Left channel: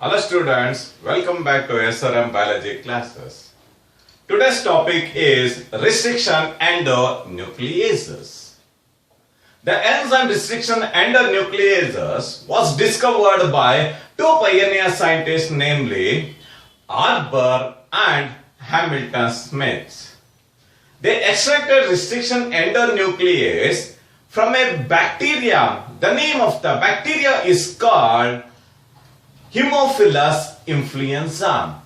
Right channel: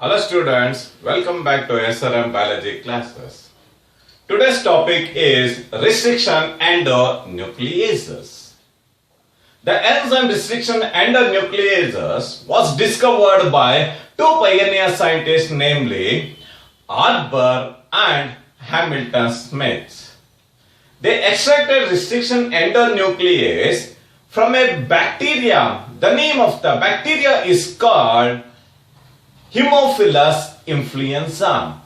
Hello students, welcome back to SRM biology classes. Today's topic is restriction endo-nucleases. The enzyme restriction endo-nucleases was discovered by two pioneer scientists, namely Arbor and Hamilton Smith. They extracted restriction endonuclease from a bacteria. The name of the bacteria is called Haemophilus influenza.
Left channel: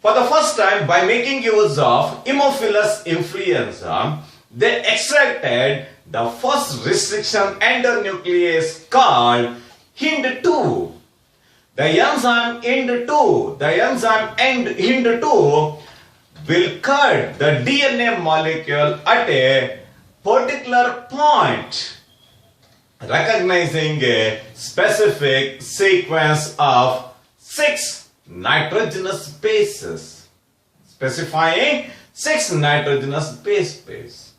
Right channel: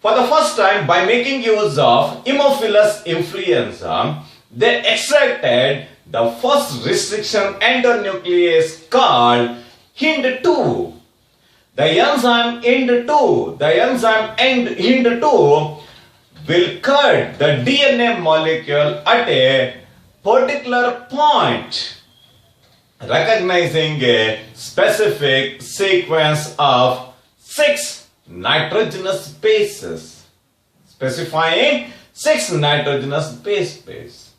For the first time, by making use of Haemophilus influenza, they extracted the first restriction endonuclease called Hind2. The enzyme Hind2 will cut the DNA molecule at a particular point, recognizing a specific sequence of 6 nitrogenous bases, specifying 6 nitrogenous base pairs.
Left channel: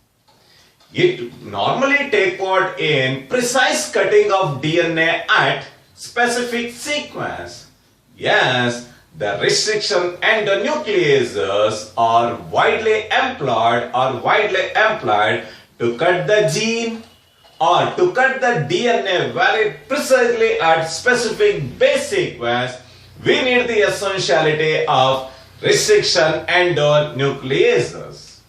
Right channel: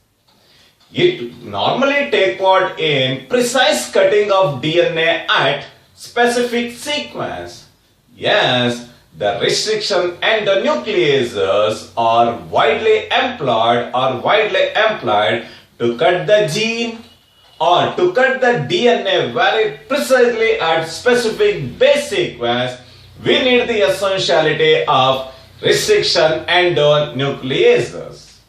It normally takes part in precise cutting of DNA at specific sequence. Yes, the restriction endonucleases are widely employed to cut the gene or to cut the DNA very precisely at specific base sequence. We need the essentiality of restriction endonucleases.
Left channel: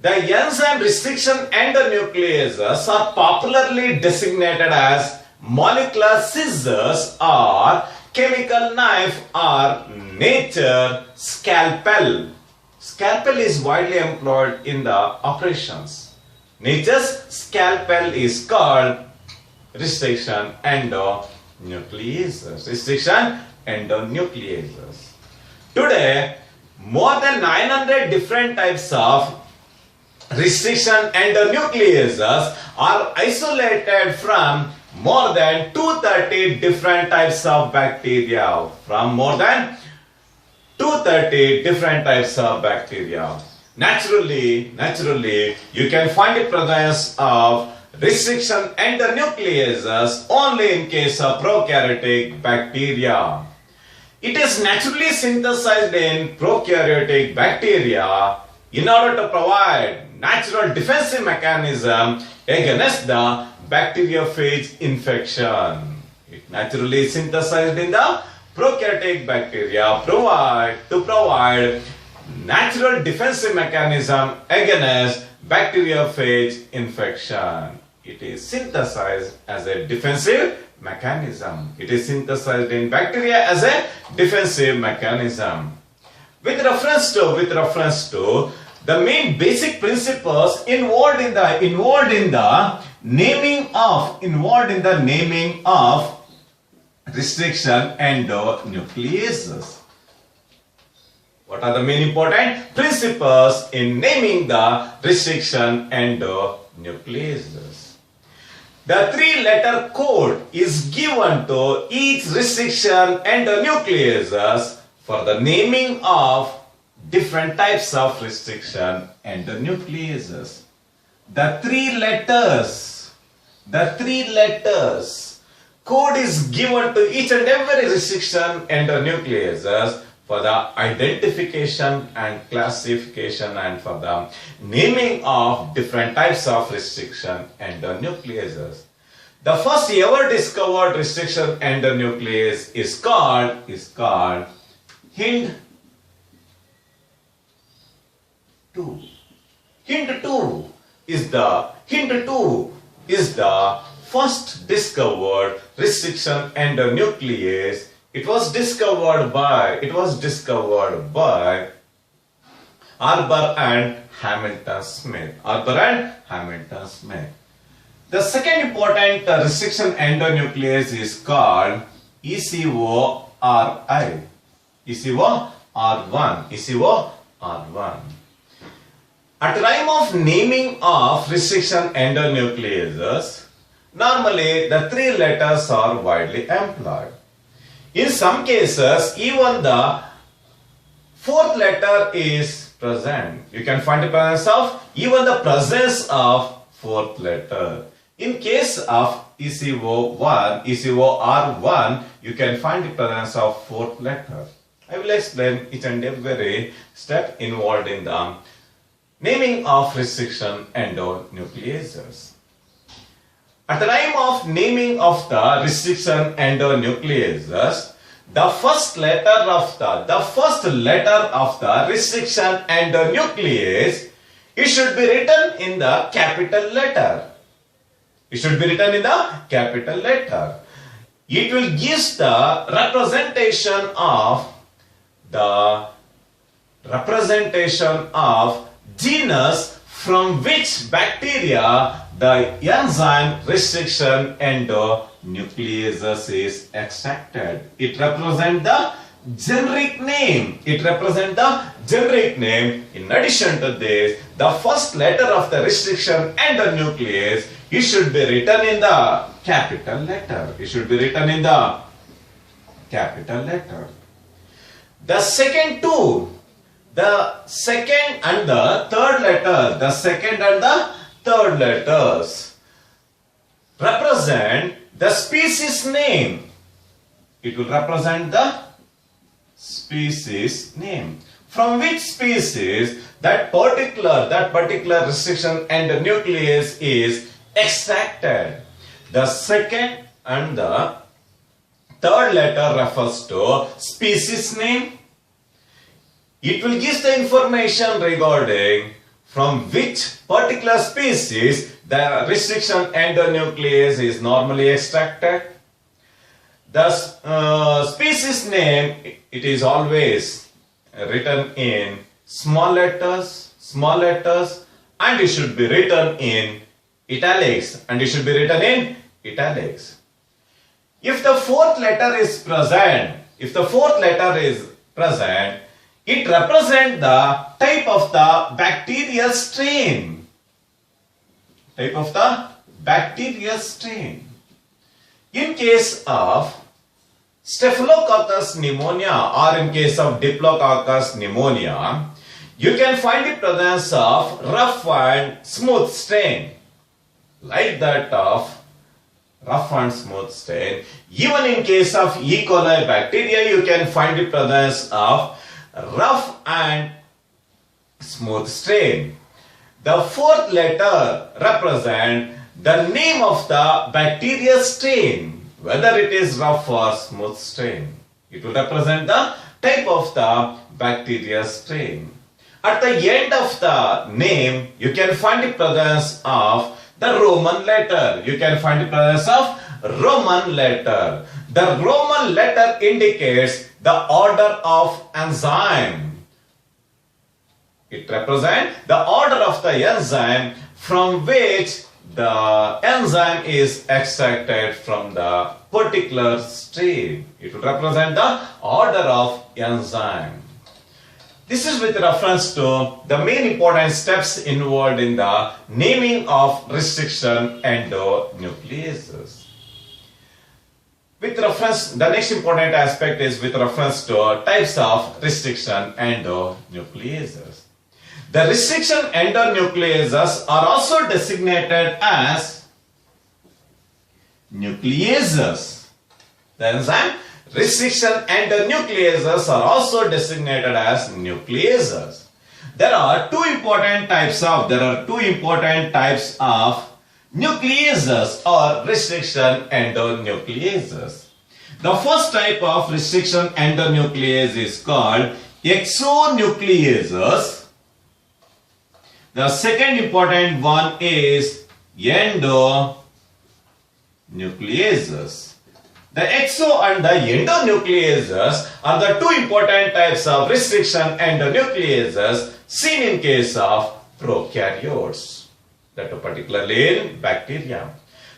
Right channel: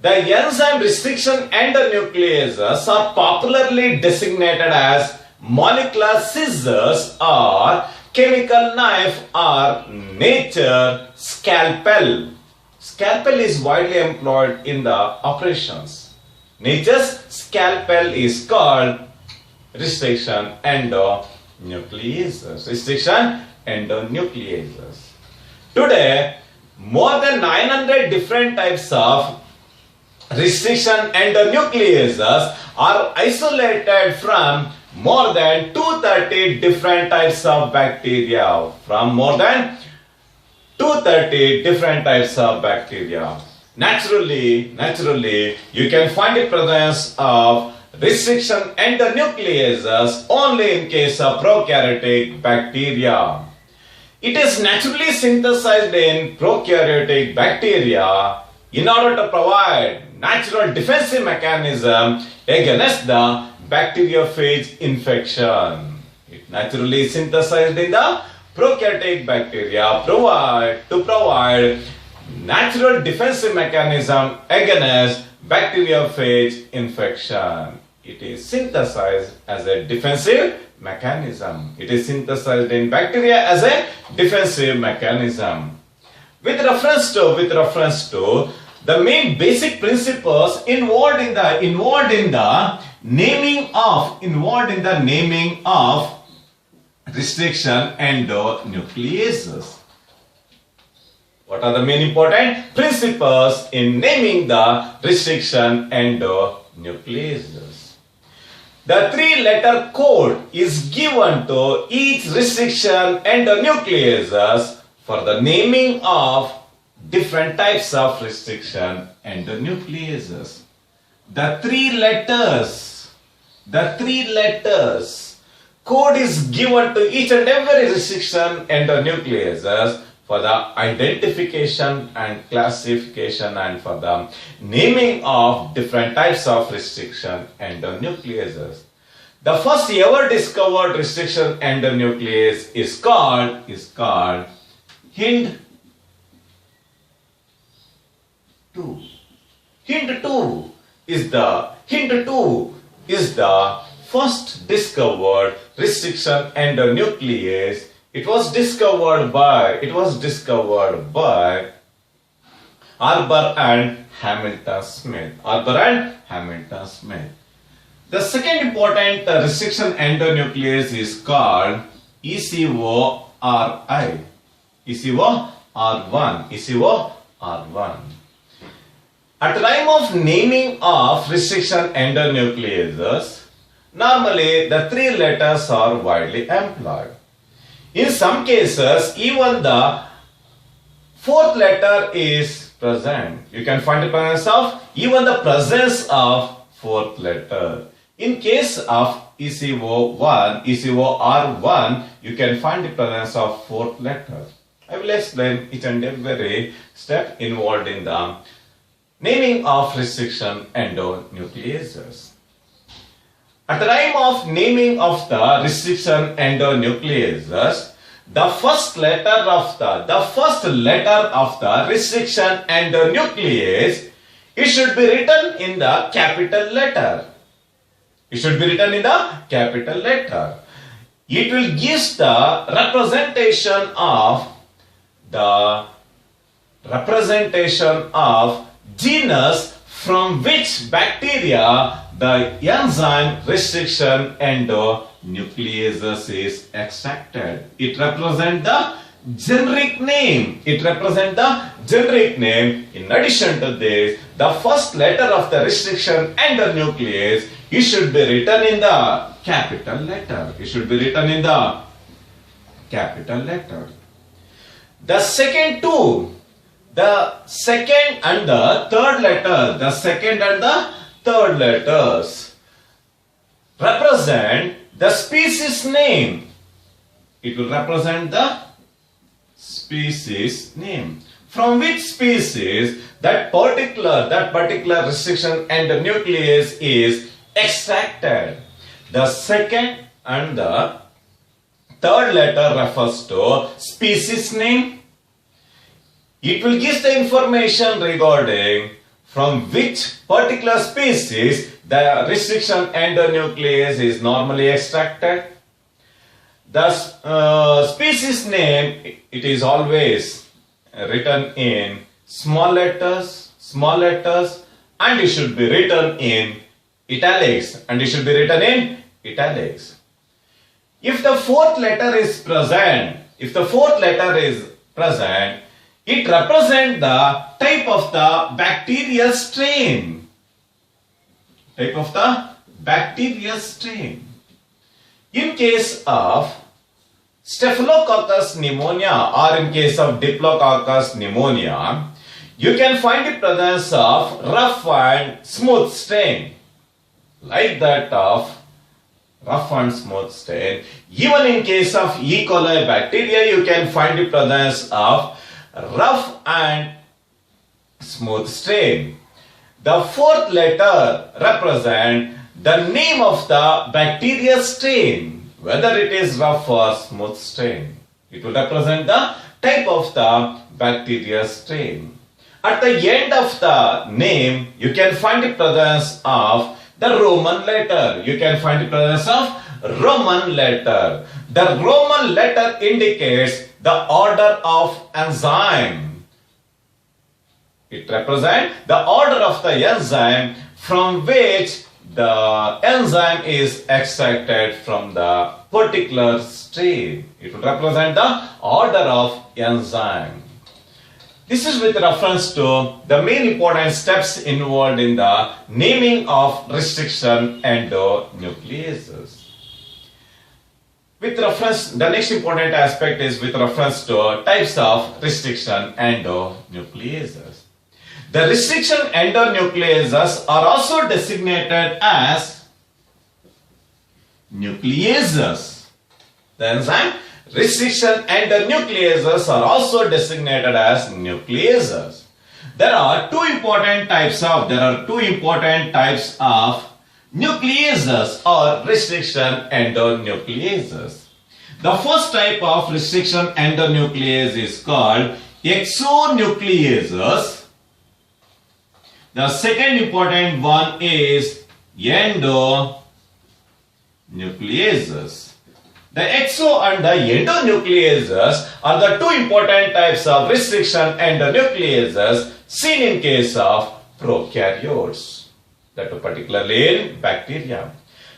The enzyme restriction endonucleases are popularly designated as molecular scissors or chemical knife or nature scalpel. Scalpel is widely employed in the operations. Nature's scalpel is called restriction endonucleases. Today, more than 900 different types of restriction endonucleases are isolated from more than 230 different types of bacteria. Naturally, you can find the presence of restriction endonucleases only in case of prokaryotic bacteria. It is naturally synthesized in prokaryotic bacteria in order to provide natural defensive mechanism against the bacteriophage infection. It naturally synthesized in the prokaryotic bacteria to provide natural defensive mechanism against bacteriophage infection. It is synthesized as a defensive mechanism. It is synthesized in bacteria as a defensive mechanism. With reference to the main basic principles involved in the naming of restriction endonucleases. What are the main important principles in naming the restriction endonucleases? The 3-letter code is given to each restriction endonucleases for the naming of different types of restriction endonucleases. The three letters code is given to each and every restriction endonucleases for the identification and classification and for the naming of different types of restriction endonucleases. The first ever discovered restriction endonuclease is called Hind2. Hind2 is the first discovered restriction endonuclease. It was discovered by Arbor and Hamilton Smith. The second important restriction endonuclease is called ECORI. ECOR1. At the time of naming of restriction endonucleases, normally the 3 letters are widely employed. In some cases, even the 4th letter is present. You can find the presence of 4th letter. In case of ECO1, ECOR1, you can find the presence of fourth letter. I will explain each and every step involved in the naming of restriction endonucleases. At the time of naming of the restriction endonucleases, the first letter of the restriction endonuclease, it should be written in the capital letter. It should be written in the capital letter. It will give the representation of genus from which bacteria the enzyme restriction endonucleases is extracted. It represents the generic name. In addition to this, the first letter of the restriction endonuclease, it should be written in the capital letter. The second two, the second and the third letters represent the species name. It will represent the species name. From which species that particular restriction endonuclease is extracted. The second and the third letter refers to species name. It will give the information regarding from which particular species the restriction endonuclease is normally extracted. The species name, it is always written in small letters, and it should be written in italics. If the fourth letter is present, it represents the type of the bacterial strain. In case of Staphylococcus pneumonia or in case of Diplococcus pneumonia, you can find the presence of rough and smooth strain, like that of rough and smooth strain. Even in case of E. coli bacteria, you can find the presence of rough and smooth strain. The fourth letter represents the name of the bacterial strain, whether it is rough or smooth strain. It will represent the type of the bacterial strain. At the end of the name, you can find the presence of the Roman letter. The Roman letter indicates the order of enzyme. It represents the order of the enzyme from which the enzyme is extracted from the particular strain. It will represent the order of enzyme. This is with reference to the main important steps involved in the naming of restriction endonucleases. The next important aspect is with reference to types of restriction endonucleases. The restriction endonucleases are also designated as nucleases. The enzyme restriction endonucleases are also designated as nucleases. There are two important types of nucleases or restriction endonucleases. The first type of restriction endonuclease is called exonucleases. The second important one is endonucleases. The exo and the endonucleases are the two important types of restriction endonucleases seen in case of prokaryotes, that particularly in bacteria.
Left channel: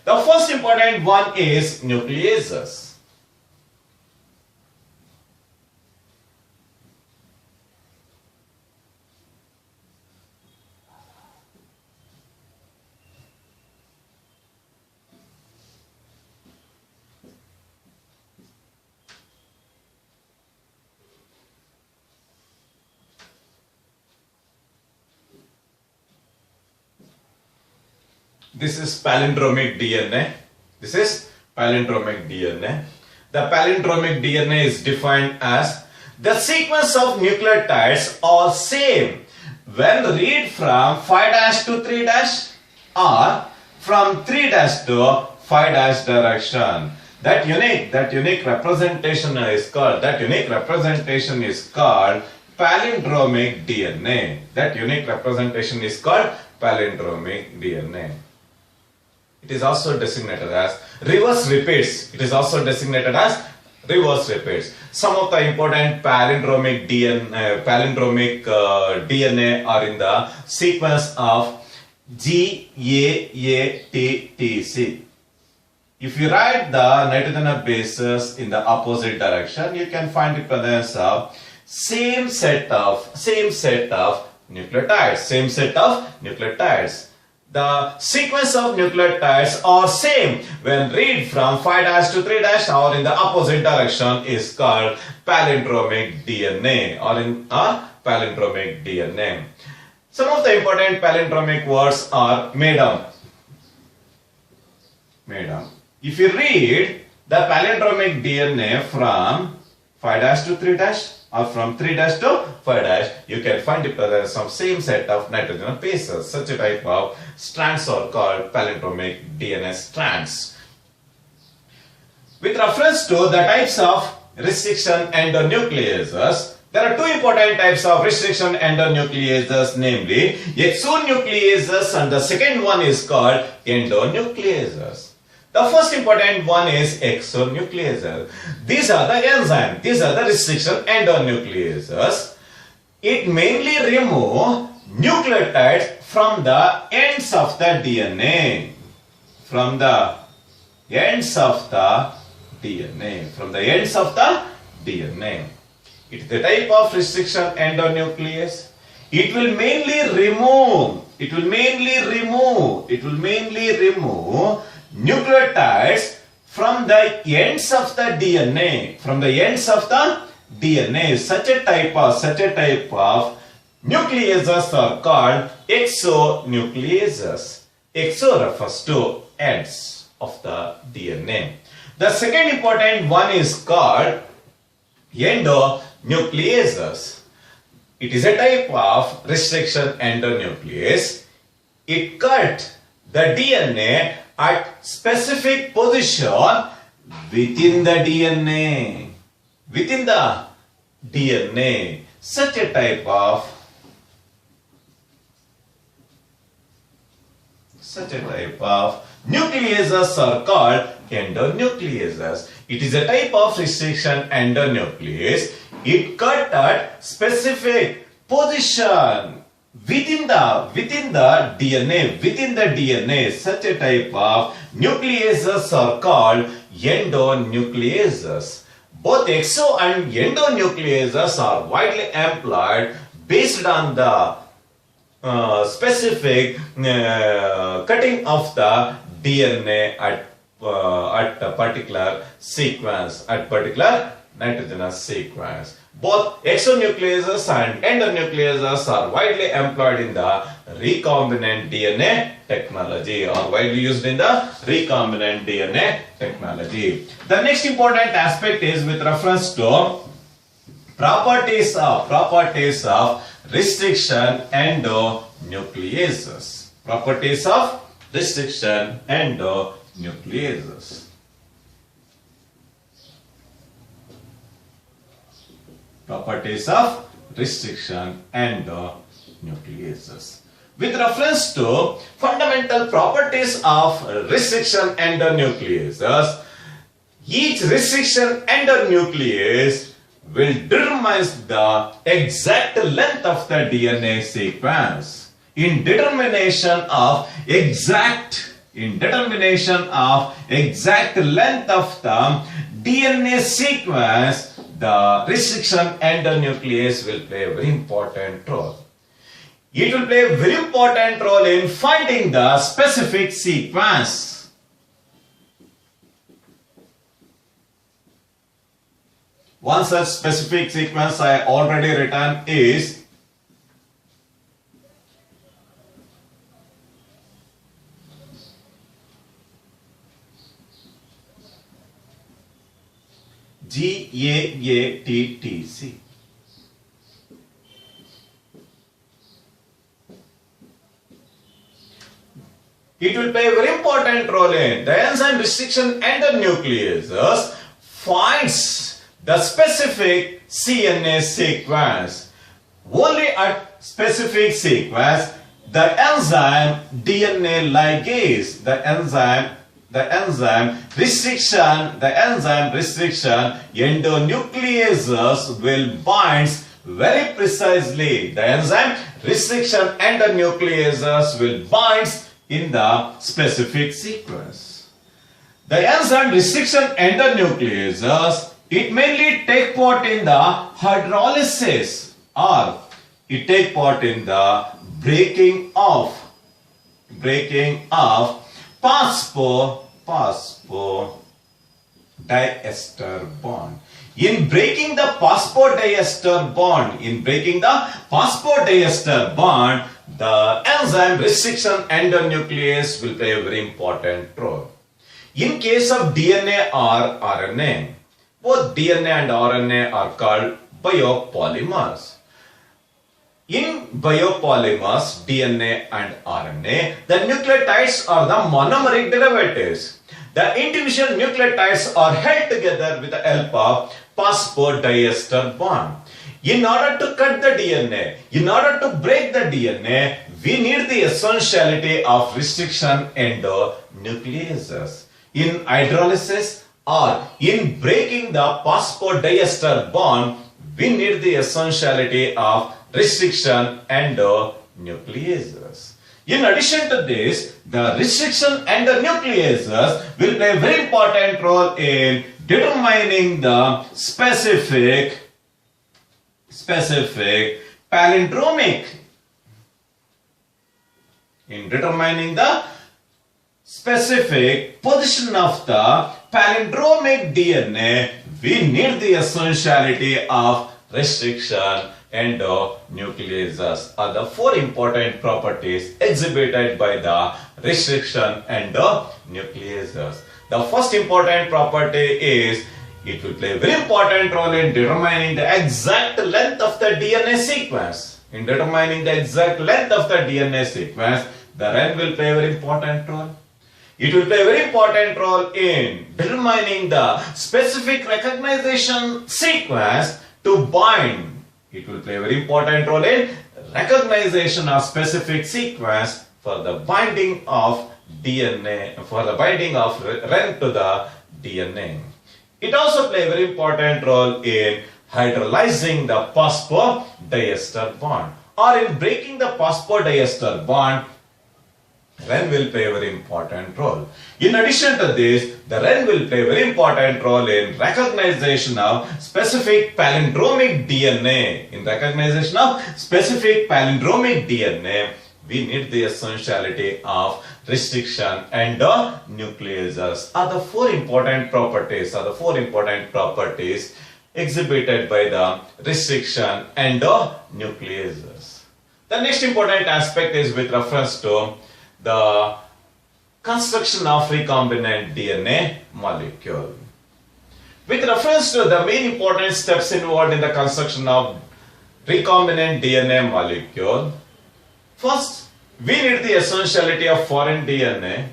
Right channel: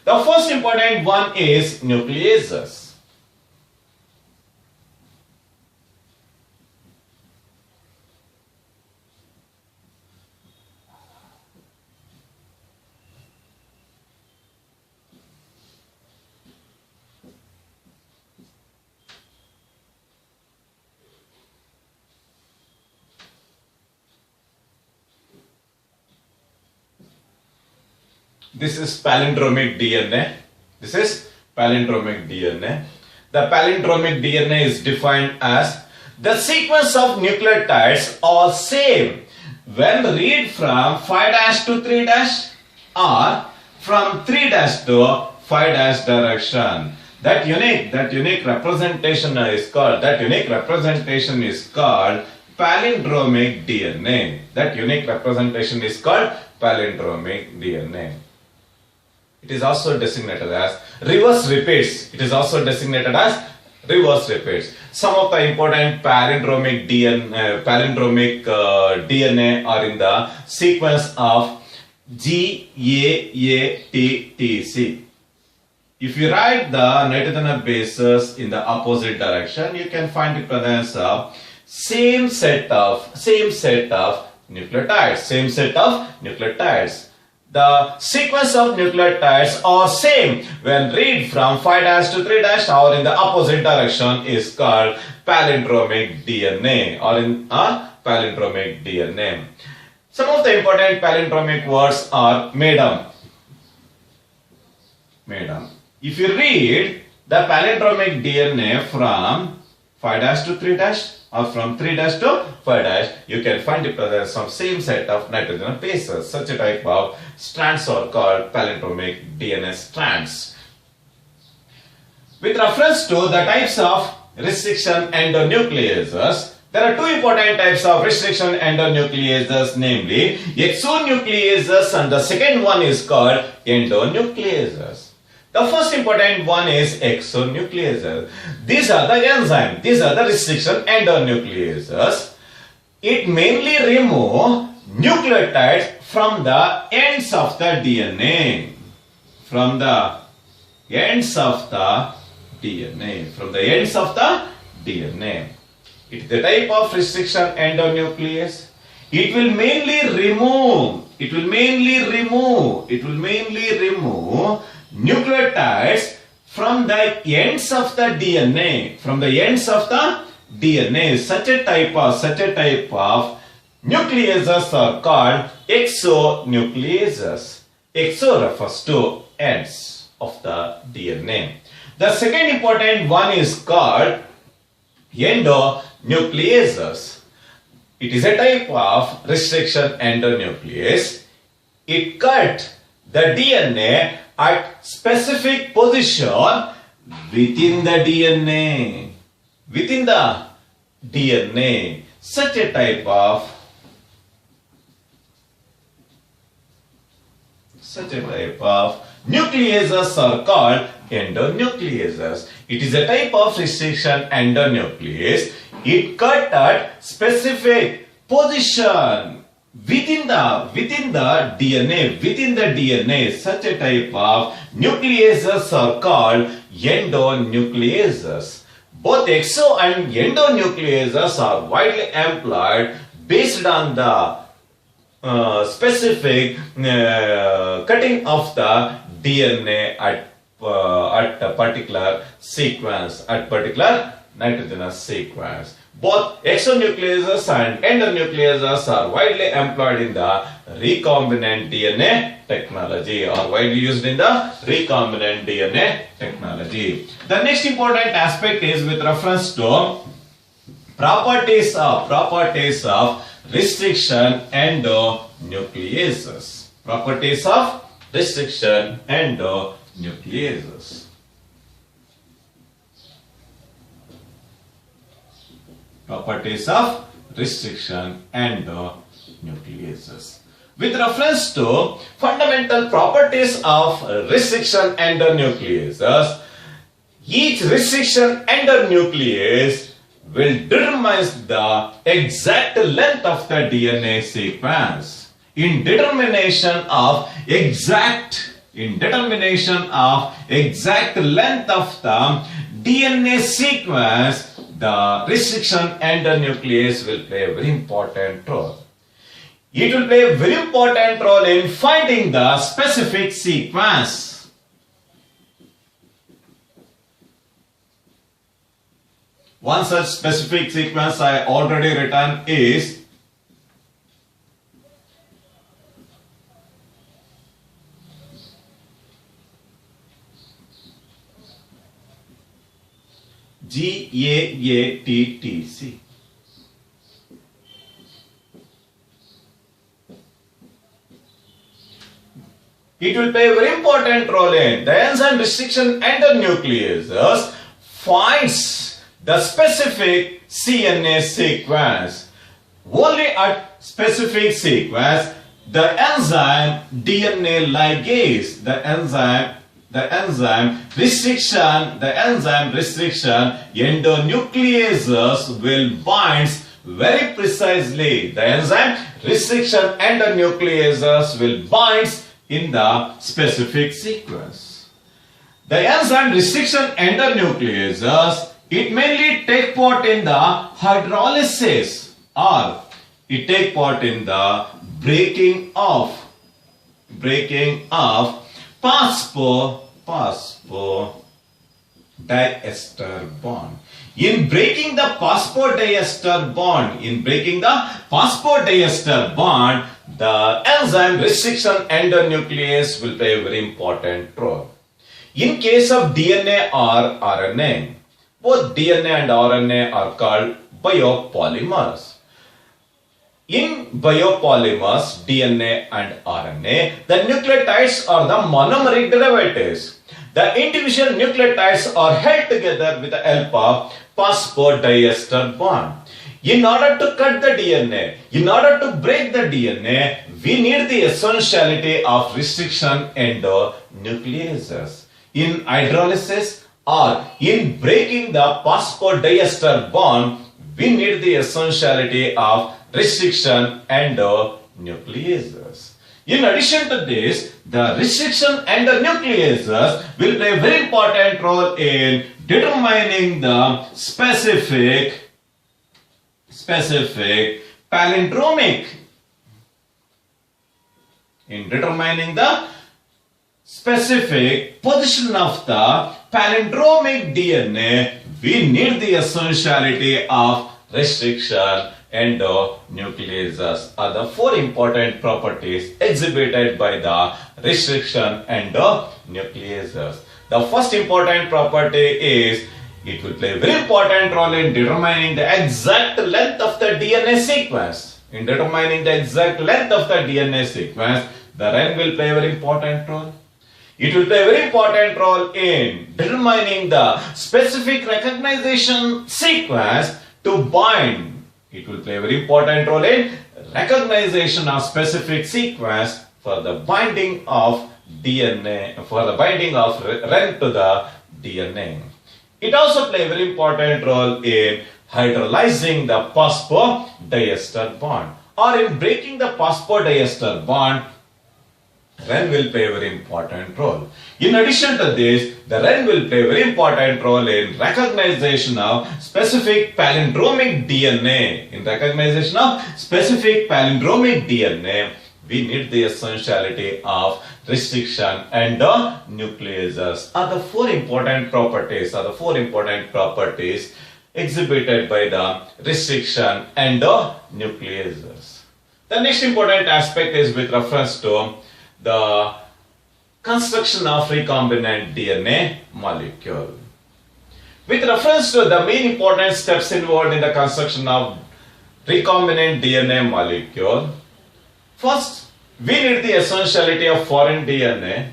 The first important one is nucleases. This is palindromic DNA. This is palindromic DNA. The palindromic DNA is defined as the sequence of nucleotides are same when read from 5' to 3' or from 3' to 5' direction. That unique representation is called palindromic DNA. That unique representation is called palindromic DNA. It is also designated as reverse repeats. Some of the important palindromic DNA are in the sequence of GAATTC. If you write the nitrogen bases in the opposite direction, you can find the presence of same set of nucleotides. The sequence of nucleotides are same when read from 5' to 3' or in the opposite direction is called palindromic DNA Some of the important palindromic words are madam. If you read the palindromic DNA from 5' to 3' or from 3' to 5', you can find the presence of same set of nitrogen bases. Such a type of strands are called palindromic DNA strands. With reference to the types of restriction endonucleases, there are two important types of restriction endonucleases, namely exonucleases, and the second one is called endonucleases. The first important one is exonucleases. These are the enzymes. These are the restriction endonucleases. It mainly removes nucleotides from the ends of the DNA. It is the type of restriction endonuclease. It will mainly remove nucleotides from the ends of the DNA. Such a type of nucleases are called exonucleases. Exo refers to ends of the DNA. The second important one is called endonucleases. It is a type of restriction endonuclease. It cuts the DNA at specific position within the DNA. Such a type of nucleases are called endonucleases. It is a type of restriction endonuclease. It cuts at specific position within the DNA. Such a type of nucleases are called endonucleases. Both exo and endonucleases are widely employed based on the specific cutting of the DNA at a particular sequence, at particular nitrogenous sequence. Both exonucleases and endonucleases are widely employed in the recombinant DNA technology, or widely used in the recombinant DNA technology. The next important aspect is with reference to properties of restriction endonucleases. Properties of restriction endonucleases. Properties of restriction endonucleases. With reference to fundamental properties of restriction endonucleases, each restriction endonuclease will determine the exact length of the DNA sequence. In determination of exact length of the DNA sequence, the restriction endonuclease will play a very important role. It will play a very important role in finding the specific sequence. One such specific sequence I already written is GAATTC. It will play a very important role in the enzyme restriction endonucleases finds the specific CNA sequence. Only at specific sequence, the enzyme DNA ligase, the enzyme restriction endonucleases will binds very precisely. The enzyme restriction endonucleases will binds in the specific sequence. The enzyme restriction endonucleases, it mainly take part in the hydrolysis or it take part in the breaking of phosphodiester bond. In breaking the phosphodiester bond, the enzyme restriction endonuclease will play a very important role. In case of DNA or RNA, both DNA and RNA are called biopolymers. In biopolymers, DNA and RNA, the nucleotides are the monomeric derivatives. The individual nucleotides are held together with the help of phosphodiester bond. In order to cut the DNA, in order to break the DNA, we need the essentiality of restriction endonucleases. In hydrolysis or in breaking the phosphodiester bond, we need the essentiality of restriction endonucleases. In addition to this, the restriction endonucleases will play a very important role in determining the specific palindromic. In determining the specific position of the palindromic DNA, we need the essentiality of restriction endonucleases are the four important properties exhibited by the restriction endonucleases. The first important property is it will play a very important role in determining the exact length of the DNA sequence. In determining the exact length of the DNA sequence, the RNA will play a very important role. It will play a very important role in determining the specific recognition sequence to bind. It will play a very important role in recognition of specific sequence for the binding of DNA, for the binding of RNA to the DNA. It also plays a very important role in hydrolyzing the phosphodiester bond or in breaking the phosphodiester bond. RNA will play a very important role. In addition to this, the RNA will play a very important role in recognition of specific palindromic DNA. In recognition of specific palindromic DNA, we need the essentiality of restriction endonucleases. Are the four important properties exhibited by the restriction endonucleases. The next important aspect is with reference to the construction of recombinant DNA molecule. With reference to the main important steps involved in the construction of recombinant DNA molecule, first, we need the essentiality of foreign DNA.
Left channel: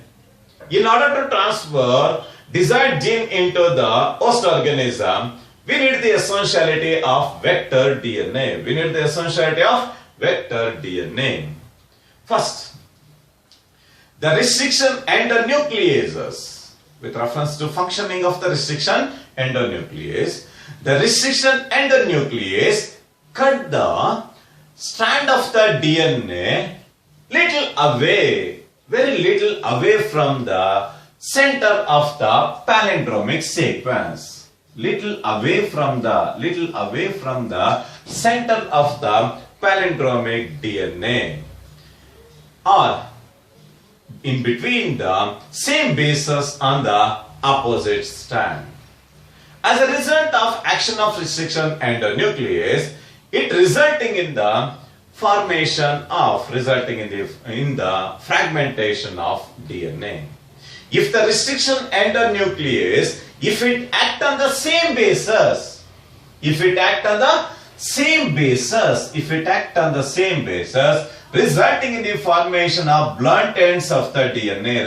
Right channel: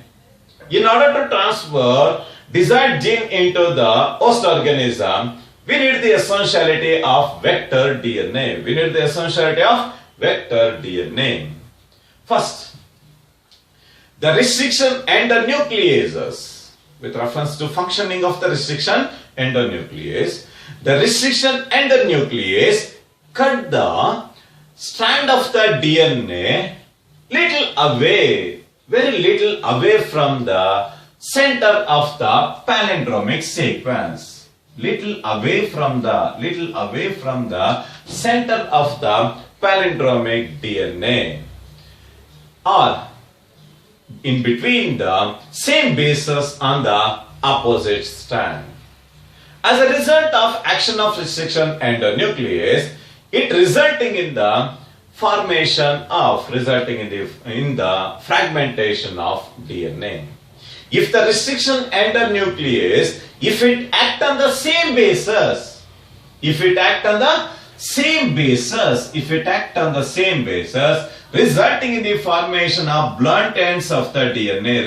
In order to transfer desired gene into the host organism, we need the essentiality of vector DNA. First, the restriction endonucleases. With reference to functioning of the restriction endonuclease, the restriction endonuclease cut the strand of the DNA very little away from the center of the palindromic sequence. Little away from the center of the palindromic DNA, or in between the same bases on the opposite strand. As a result of action of restriction endonuclease, it resulting in the formation of, in the fragmentation of DNA. If the restriction endonuclease, if it act on the same basis, If it act on the same basis, resulting in the formation of blunt ends of the DNA,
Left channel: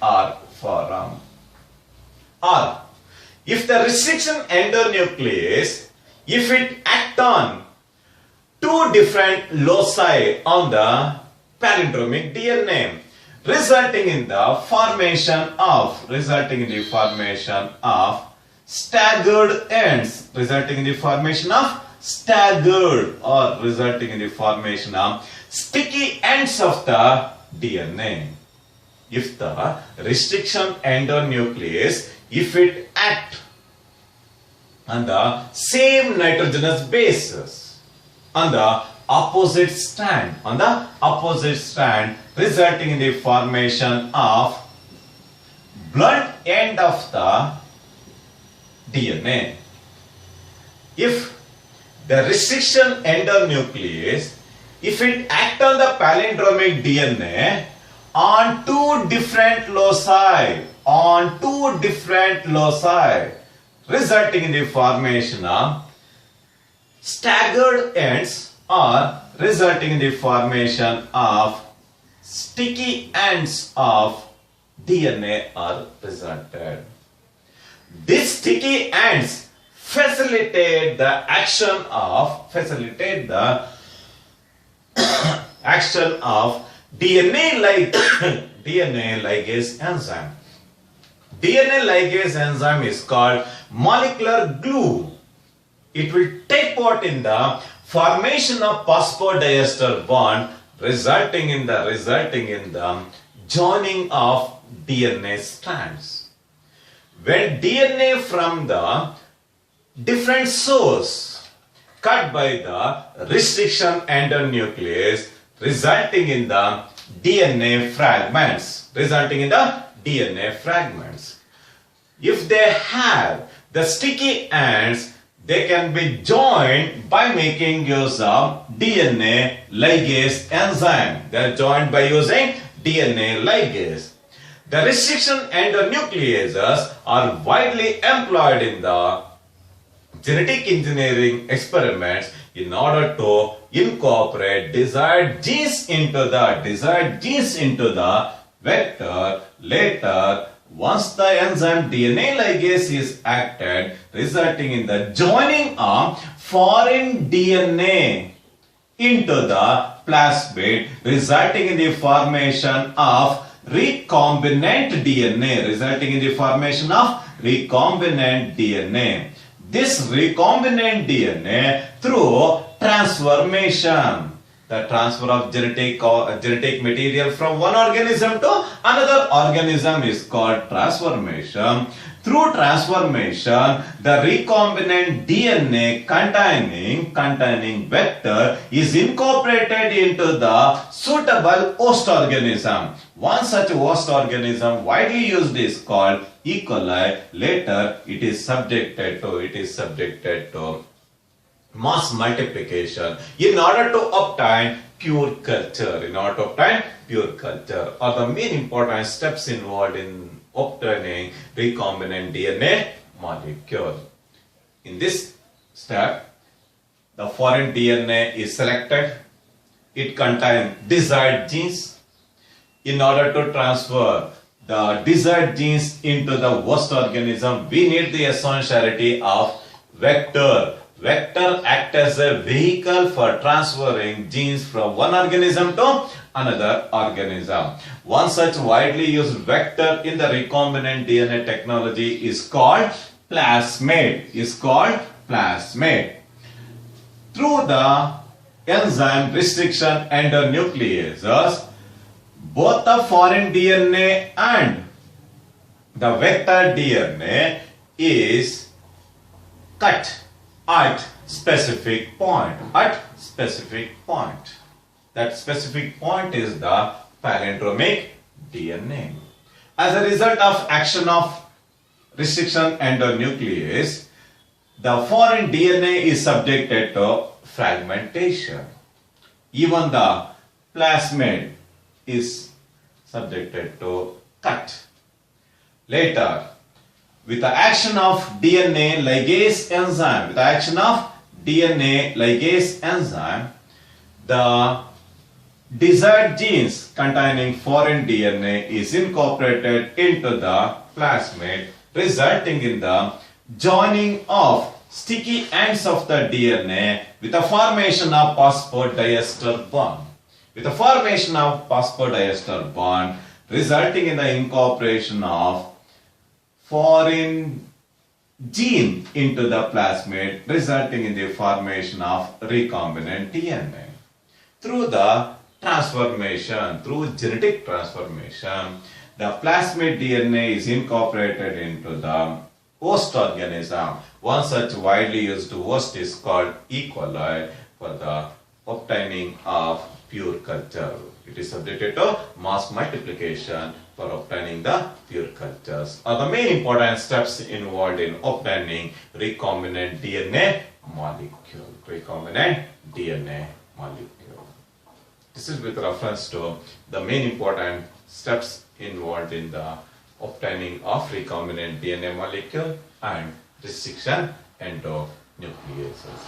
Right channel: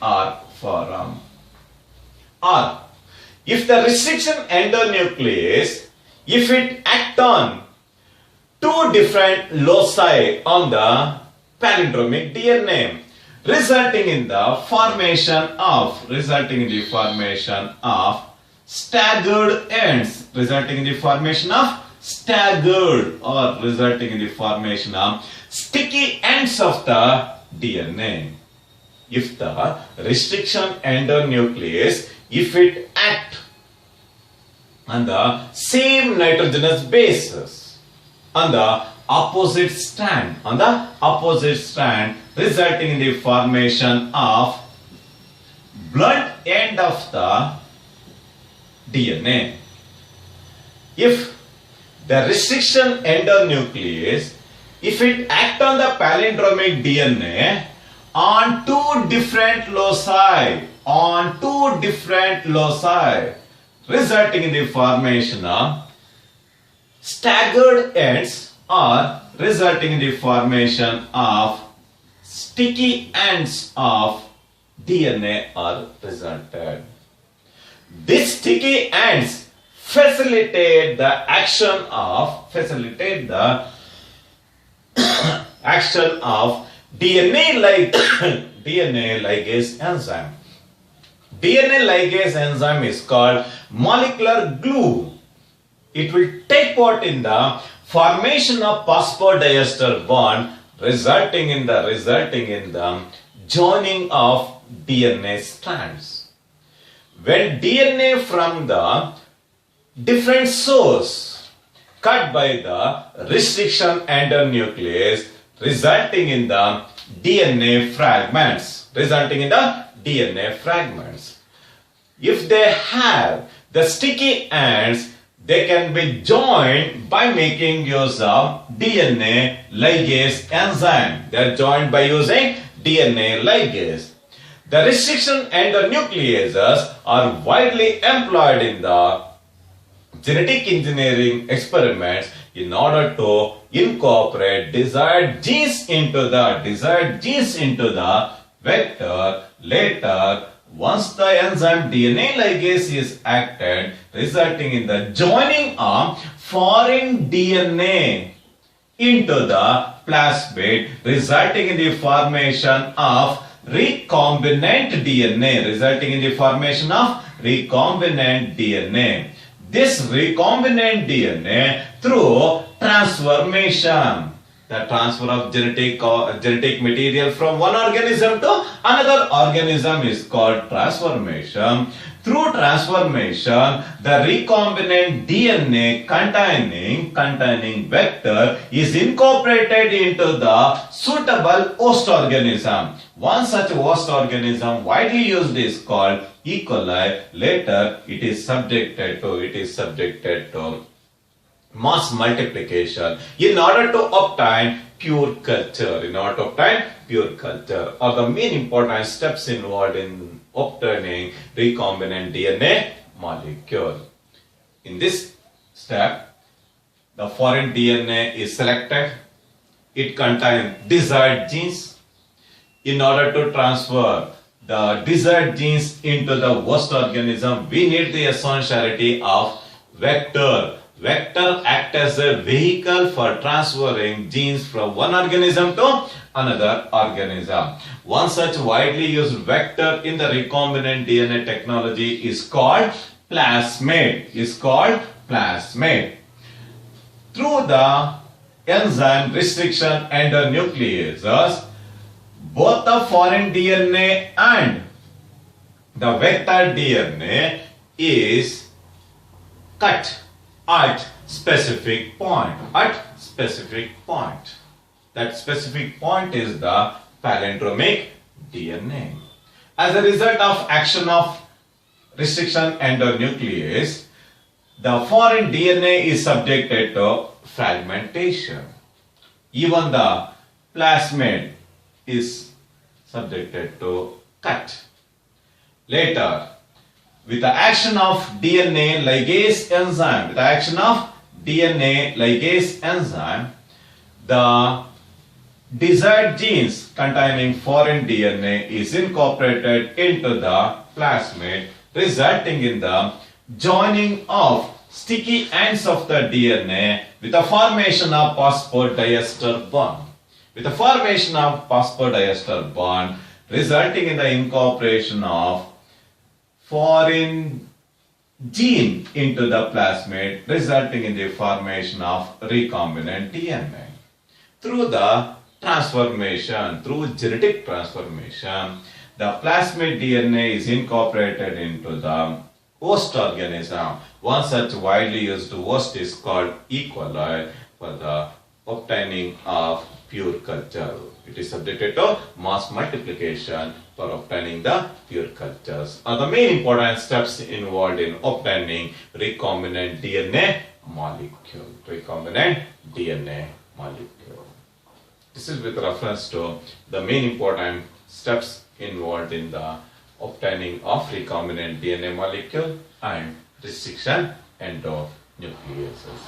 are formed. Or if the restriction endonuclease, if it act on two different loci on the palindromic DNA, resulting in the formation of staggered ends, sticky ends of the DNA. If the restriction endonuclease, if it act on the same nitrogenous basis on the opposite strand, resulting in the formation of blunt end of the DNA. If the restriction endonuclease, if it act on the palindromic DNA on two different loci, resulting in the formation of staggered ends or resulting in the formation of sticky ends of DNA are resulted. These sticky ends facilitate the action of DNA ligase enzyme. DNA ligase enzyme is called molecular glue. It will take part in the formation of phosphodiester bond, resulting in the joining of DNA strands. When DNA from the different source cut by the restriction endonuclease, resulting in the DNA fragments. If they have the sticky ends, they can be joined by making use of DNA ligase enzyme. They are joined by using DNA ligase. The restriction endonucleases are widely employed in the genetic engineering experiments in order to incorporate desired genes into the vector. Later, once the enzyme DNA ligase is acted, resulting in the joining of foreign DNA into the plasmid, resulting in the formation of recombinant DNA. This recombinant DNA through transformation, the transfer of genetic material from one organism to another organism is called transformation. Through transformation, the recombinant DNA containing vector is incorporated into the suitable host organism. One such host organism widely used is called E. coli. Later, it is subjected to mass multiplication in order to obtain pure culture. Are the main important steps involved in obtaining recombinant DNA molecule. In this step, the foreign DNA is selected. It contains desired genes. In order to transfer the desired genes into the host organism, we need the essentiality of vector. Vector acts as a vehicle for transferring genes from one organism to another organism. One such widely used vector in the recombinant DNA technology is called plasmid. Through the enzyme restriction endonucleases, both the foreign DNA and the vector DNA is cut at specific point. That specific point is the palindromic DNA. As a result of action of restriction endonuclease, the foreign DNA is subjected to fragmentation. Even the plasmid is subjected to cut. Later, with the action of DNA ligase enzyme, the desired genes containing foreign DNA is incorporated into the plasmid, resulting in the joining of sticky ends of the DNA with the formation of phosphodiester bond. Resulting in the incorporation of foreign gene into the plasmid, resulting in the formation of recombinant DNA. Through genetic transformation, the plasmid DNA is incorporated into the host organism. One such widely used host is called E. coli for the obtaining of pure culture. It is subjected to mass multiplication for obtaining the pure cultures. Are the main important steps involved in obtaining recombinant DNA molecule. This is with reference to the main important steps involved in the obtaining of recombinant DNA molecule and restriction endo-nucleases.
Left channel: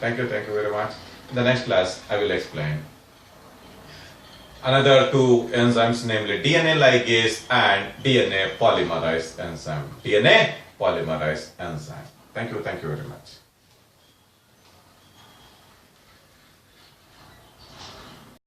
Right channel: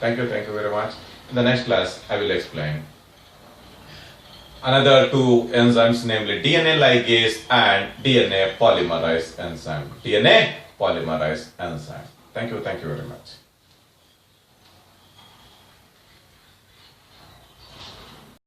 Thank you very much. In the next class, I will explain another two enzymes, namely DNA ligase and DNA polymerase enzyme. Thank you very much.